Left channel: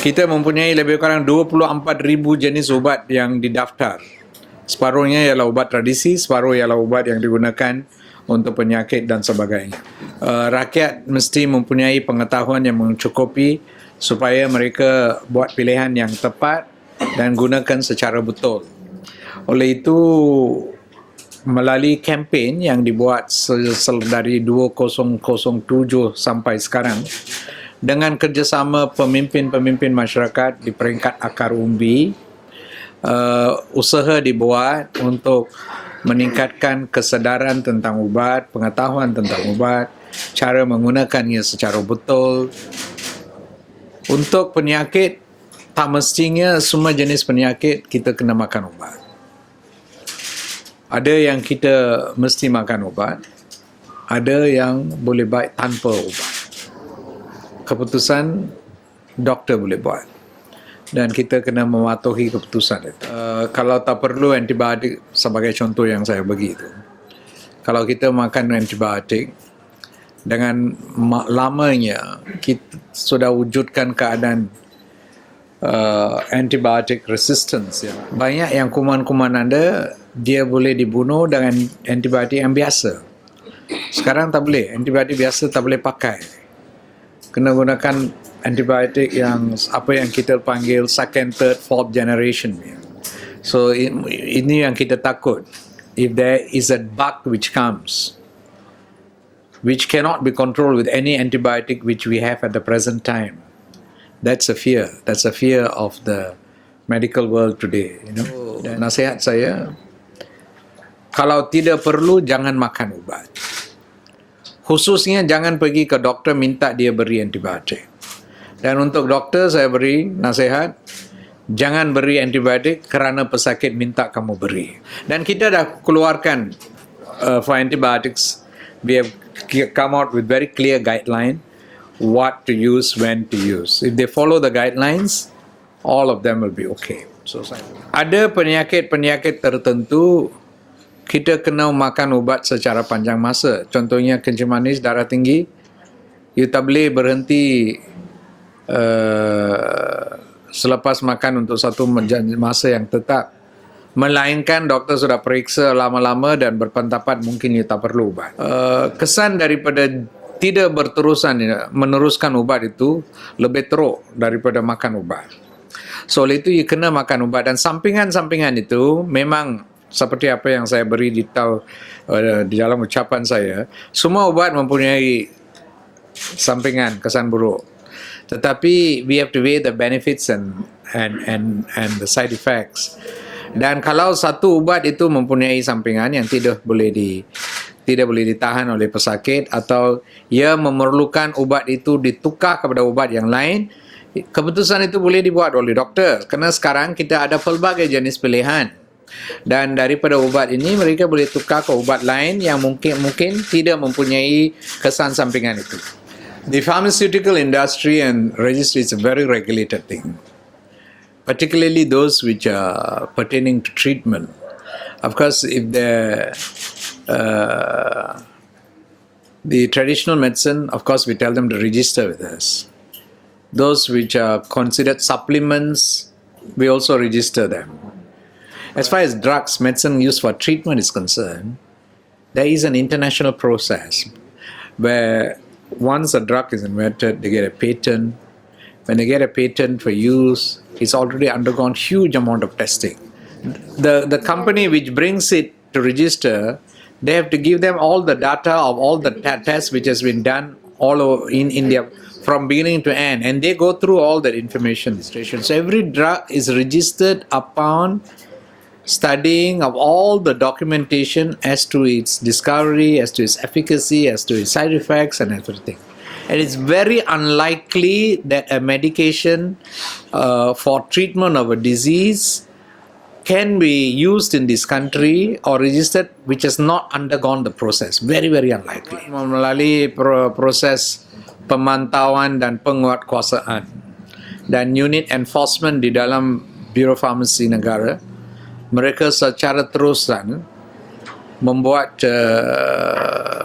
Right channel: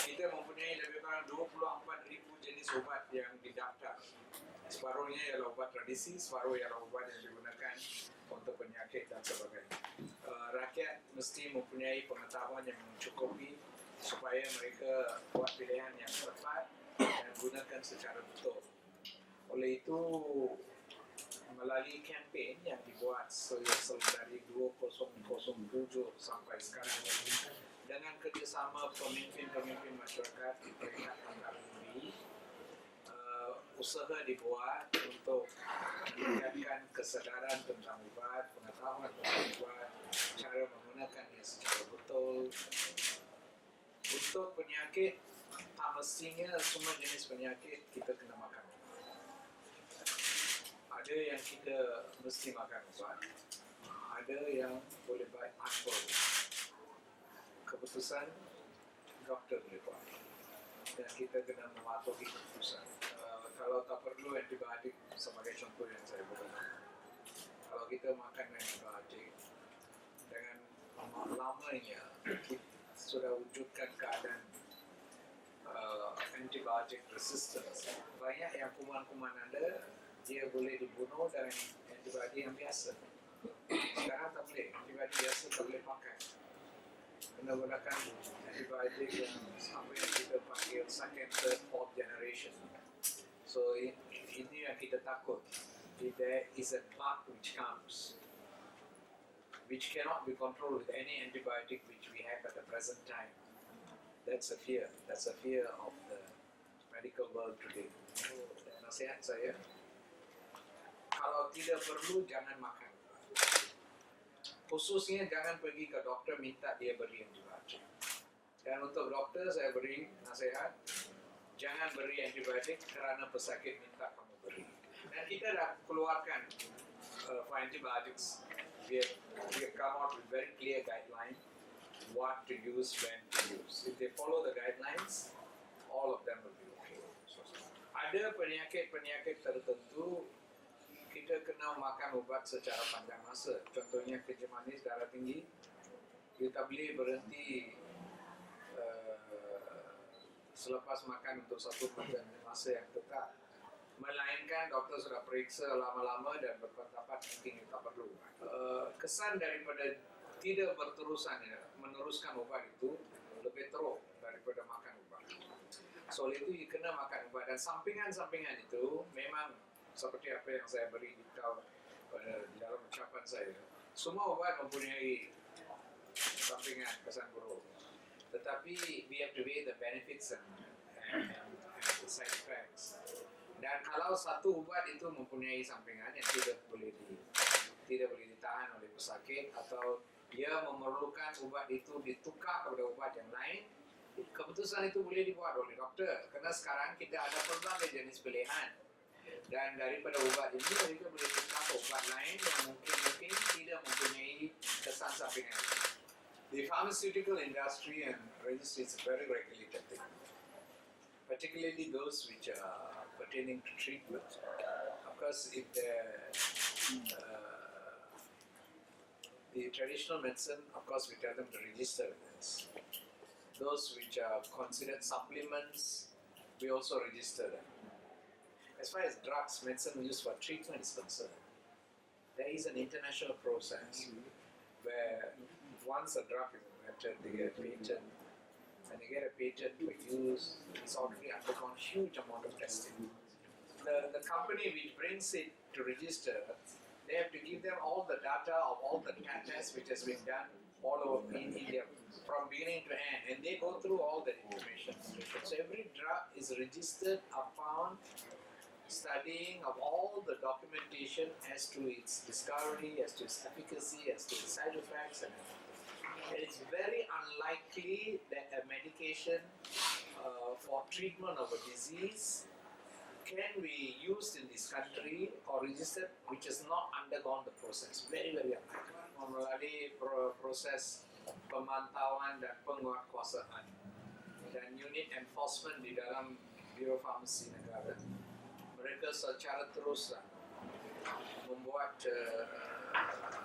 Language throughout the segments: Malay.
Kita mempunyai lebih kurang 24,000 jenis ubat yang didaftar. Separuhnya ialah ubat tradisi, separuh ialah ubat yang digunakan untuk penyakit dan sebagainya. Rakyat mesti mempunyai pengetahuan yang mencukupi supaya mereka buat pilihan yang tepat dan gunakan secara betul. Oleh itu, melalui kempen yang dibuat dari 2007 sampai sekarang, dengan kerjasama pemimpin-pemimpin masyarakat di peringkat akar umbi, usaha dibuat untuk meningkatkan kesedaran tentang ubat, pengetahuan tentang ubat, cara menggunakannya secara betul. Untuk penyakit, tak mestinya semua jenis penyakit kita kena makan ubat. Ada yang kita mesti makan ubat, ada yang boleh baik tanpa ubat. Keputusan doktor boleh buat dan kita kena mematuhi keputusan itu. Kalau tak perlu antibiotik sebagai contoh yang saya bagi itu, kalau kita makan antibiotik dengan lamanya kita sudah wujudkan keadaan antibiotic resistance ya. Banyak yang kuman-kuman anda dia boleh dibunuh dengan antibiotik yang biasa. Sekarang tak boleh, antibiotik biasa tak boleh pakai. Kena gunakan antibiotik yang apa yang kita panggil second, third, fourth generation. So ini yang kita takut. If there is a bug which comes, which cannot be controlled with any antibiotic which we have at the present time, that's a fear. That's a fear of the medical world today. Dan nasihat saya, kalau tidak perlu jangan makan ubat. Khususnya jangan pergi ke doktor minta dia beri antibiotik. Dan untuk doktor saya beri nasihat, jangan beri antibiotik kerana pesakit minta kamu beri. Dan kita dah keluarkan for antibiotics, we have come out with very clear guideline what to use, when to use. If they follow the guidelines, all of them will be okay. So, ada penyakit-penyakit tertentu kita kena makan ubat secara panjang masa. Contohnya kencing manis, darah tinggi. You tak boleh berhenti selepas makan untuk satu masa yang tetap. Melainkan doktor sudah periksa lama-lama dan berpendapat mungkin you tak perlu ubat. Kesan daripada tidak meneruskan ubat itu lebih teruk daripada makan ubat. So, oleh itu you kena makan ubat. Dan sampingan-sampingan itu memang seperti apa yang saya beri di dalam ucapan saya, semua ubat mempunyai sampingan, kesan buruk. Tetapi we have to weigh the benefits and the side effects. Dan kalau satu ubat itu mempunyai sampingan yang tidak boleh ditahan oleh pesakit atau ia memerlukan ubat itu ditukar kepada ubat yang lain, keputusan itu boleh dibuat oleh doktor. Kerana sekarang kita ada pelbagai jenis pilihan. Dan daripada ubat ini mereka boleh tukar ke ubat lain yang mungkin tidak mempunyai kesan sampingan itu. The pharmaceutical industry and registry is a very regulated thing, particularly those which are pertaining to treatment. Of course, if the traditional medicine, of course, we tell them to register with us. Those which are considered supplements, we also register them. As far as drugs, medicine used for treatment is concerned, there is an international process where once a drug is invented, they get a patent. When they get a patent for use, it's already undergone huge amount of testing. The company which brings it to register, they have to give them all the data of all the tests which has been done all over in India from beginning to end, and they go through all that information. So every drug is registered upon studying of all the documentation as to its discovery, as to its efficacy, as to its side effects and everything. And it's very unlikely that a medication for treatment of a disease can be used in this country or registered which has not undergone the process. Very, very unlikely. Melalui proses pemantauan dan penguatkuasaan dan unit enforcement di dalam Biro Farmasi Negara, mereka secara terusan membuat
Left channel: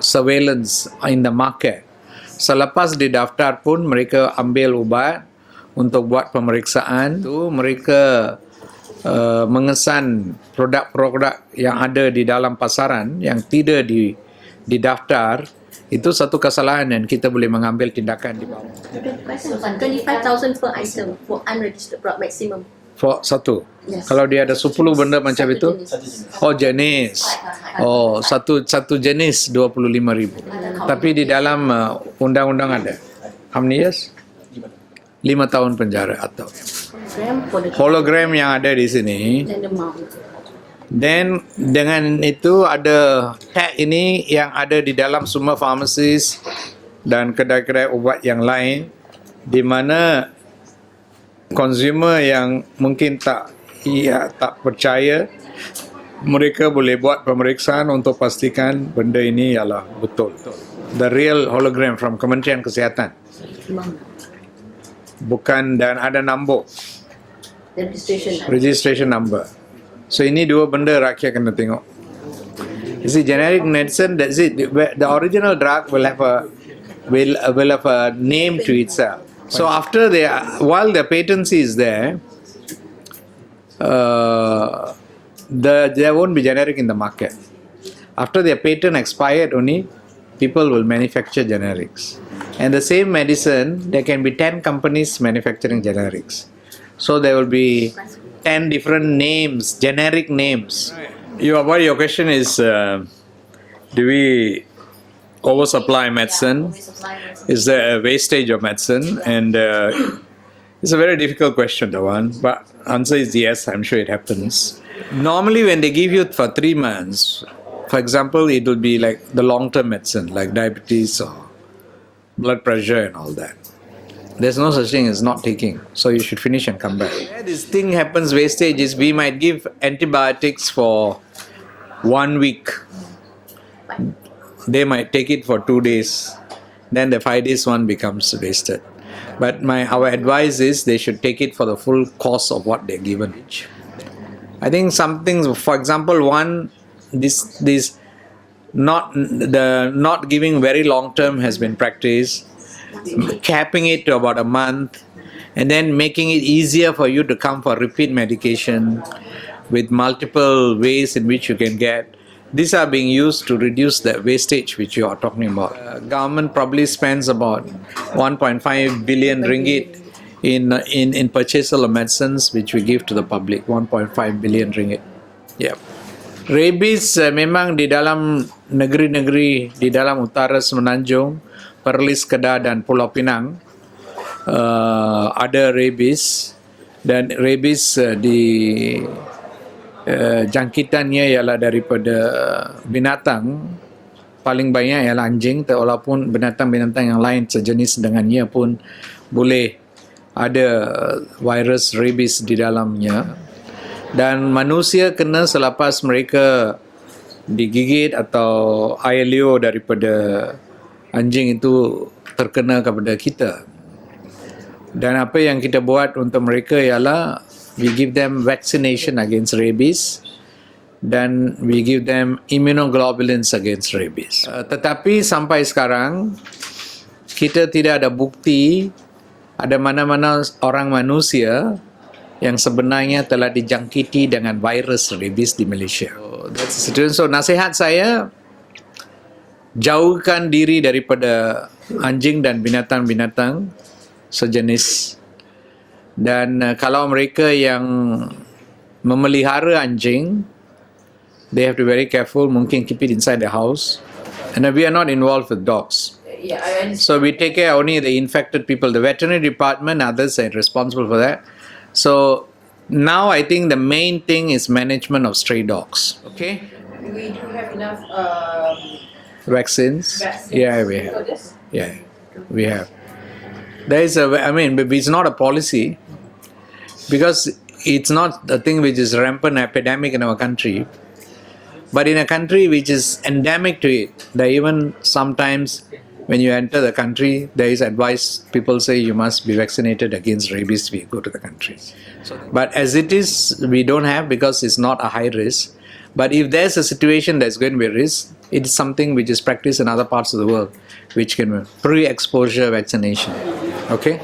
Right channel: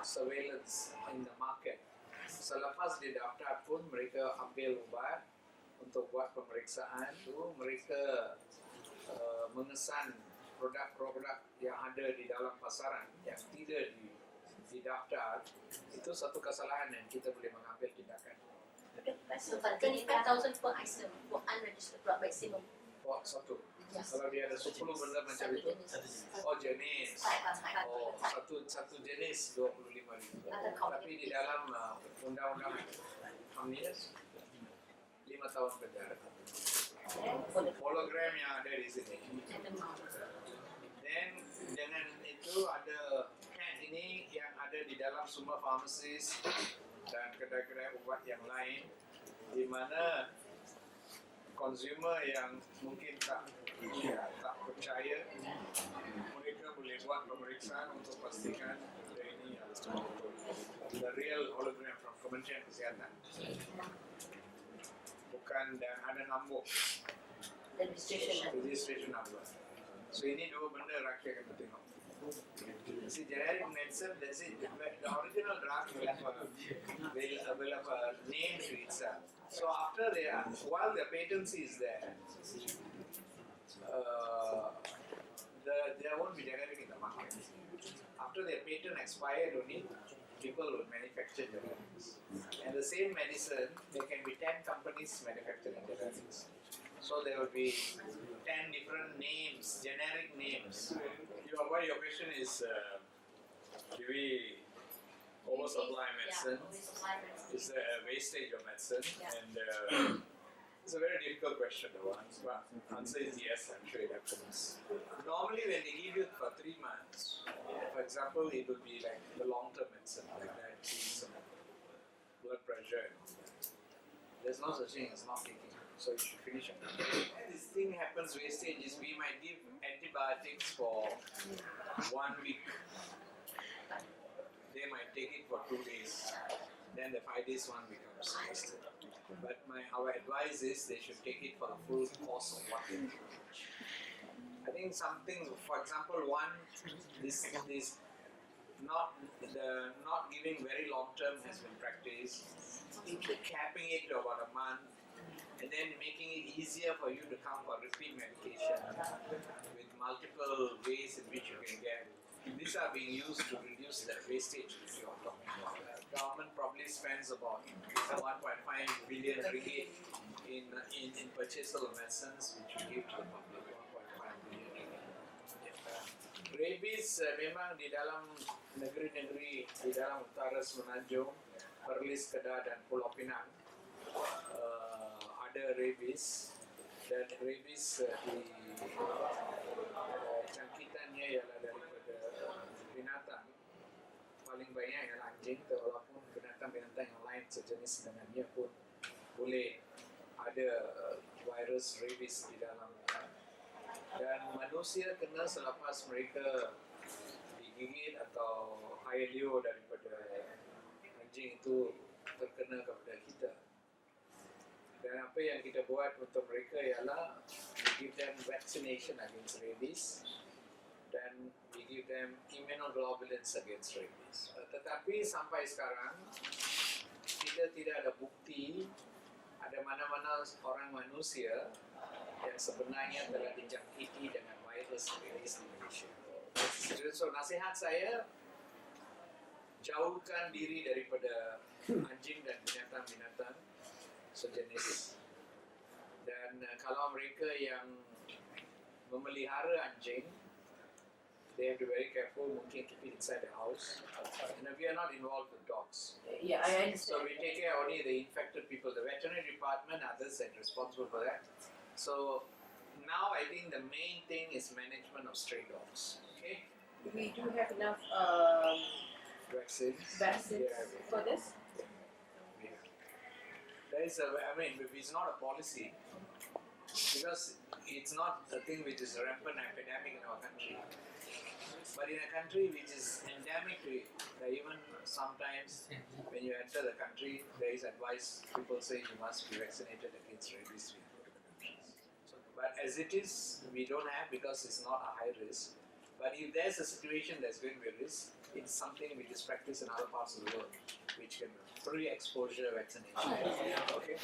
surveillance in the market. Selepas didaftar pun mereka ambil ubat untuk buat pemeriksaan. Itu mereka mengesan produk-produk yang ada di dalam pasaran yang tidak didaftar. Itu satu kesalahan dan kita boleh mengambil tindakan di bawah. 25,000 per item for unregistered product maximum. For satu. Yes. Kalau dia ada 10 benda macam Satu itu, jenis. oh jenis. Oh, satu jenis 25,000. Tapi di dalam undang-undang ada. How many years? 5 tahun penjara atau hologram yang ada di sini. Dan the mount. Then dengan itu ada tag ini yang ada di dalam semua pharmacies dan kedai-kedai ubat yang lain, di mana consumer yang mungkin tak percaya, mereka boleh buat pemeriksaan untuk pastikan benda ini ialah betul. The real hologram from Kementerian Kesihatan. Bukan, dan ada nombor. Registration number. So ini dua benda rakyat kena tengok. You see, generic medicine, that's it. The original drug will have a name to itself. So after while the patency is there, there won't be generic in the market. After their patent expired only, people will manufacture generics. And the same medicine, there can be 10 companies manufacturing generics. So there will be 10 different names, generic names. Your question is, do we oversupply medicine? Is there a wastage of medicine? And it's a very difficult question, the one. But answer is yes, I'm sure it happens. Normally when they give you for 3 months, for example, it will be like the long-term medicine, like diabetes or blood pressure and all that. There's no such thing as not taking. So you should finish and come back. Where this thing happens, wastage, is we might give antibiotics for 1 week. They might take it for 2 days. Then the 5 days one becomes wasted. But our advice is they should take it for the full course of what they're given. I think some things, for example, this not giving very long term has been practiced. Capping it to about a month, and then making it easier for you to come for repeat medication with multiple ways in which you can get. These are being used to reduce the wastage which you are talking about. Government probably spends about 1.5 billion ringgit in purchasal of medicines which we give to the public. 1.5 billion ringgit. Yeah. Rabies memang di dalam negeri-negeri di dalam utara Semenanjung, Perlis, Kedah dan Pulau Pinang ada rabies, dan rabies jangkitannya ialah daripada binatang, paling banyak ialah anjing, walaupun binatang-binatang yang lain sejenis dengannya pun boleh ada virus rabies di dalamnya. Dan manusia kena selepas mereka digigit atau air liur daripada anjing itu terkena kepada kita. Dan apa yang kita buat untuk mereka ialah we give them vaccination against rabies dan we give them immunoglobulins against rabies. Tetapi sampai sekarang kita tidak ada bukti ada mana-mana orang manusia yang sebenarnya telah dijangkiti dengan virus rabies di Malaysia. That's the situation. So nasihat saya, jauhkan diri daripada anjing dan binatang-binatang sejenis. Dan kalau mereka yang memelihara anjing, they have to be very careful, mungkin keep it inside the house. And we are not involved with dogs. So we take care only the infected people. The veterinary department, others are responsible for that. So now I think the main thing is management of stray dogs. Okay? We do have enough Vaccines? vaccines Yeah, we have. for this. Yeah, we have. There is it's not a policy because it's not a thing which is rampant epidemic in our country. But in a country which is endemic to it, there even sometimes when you enter the country, there is advice, people say you must be vaccinated against rabies if you go to the country. But as it is, we don't have because it's not a high risk. But if there's a situation that's going to be a risk, it is something which is practiced in other parts of the world, which can be pre-exposure vaccination. Okay?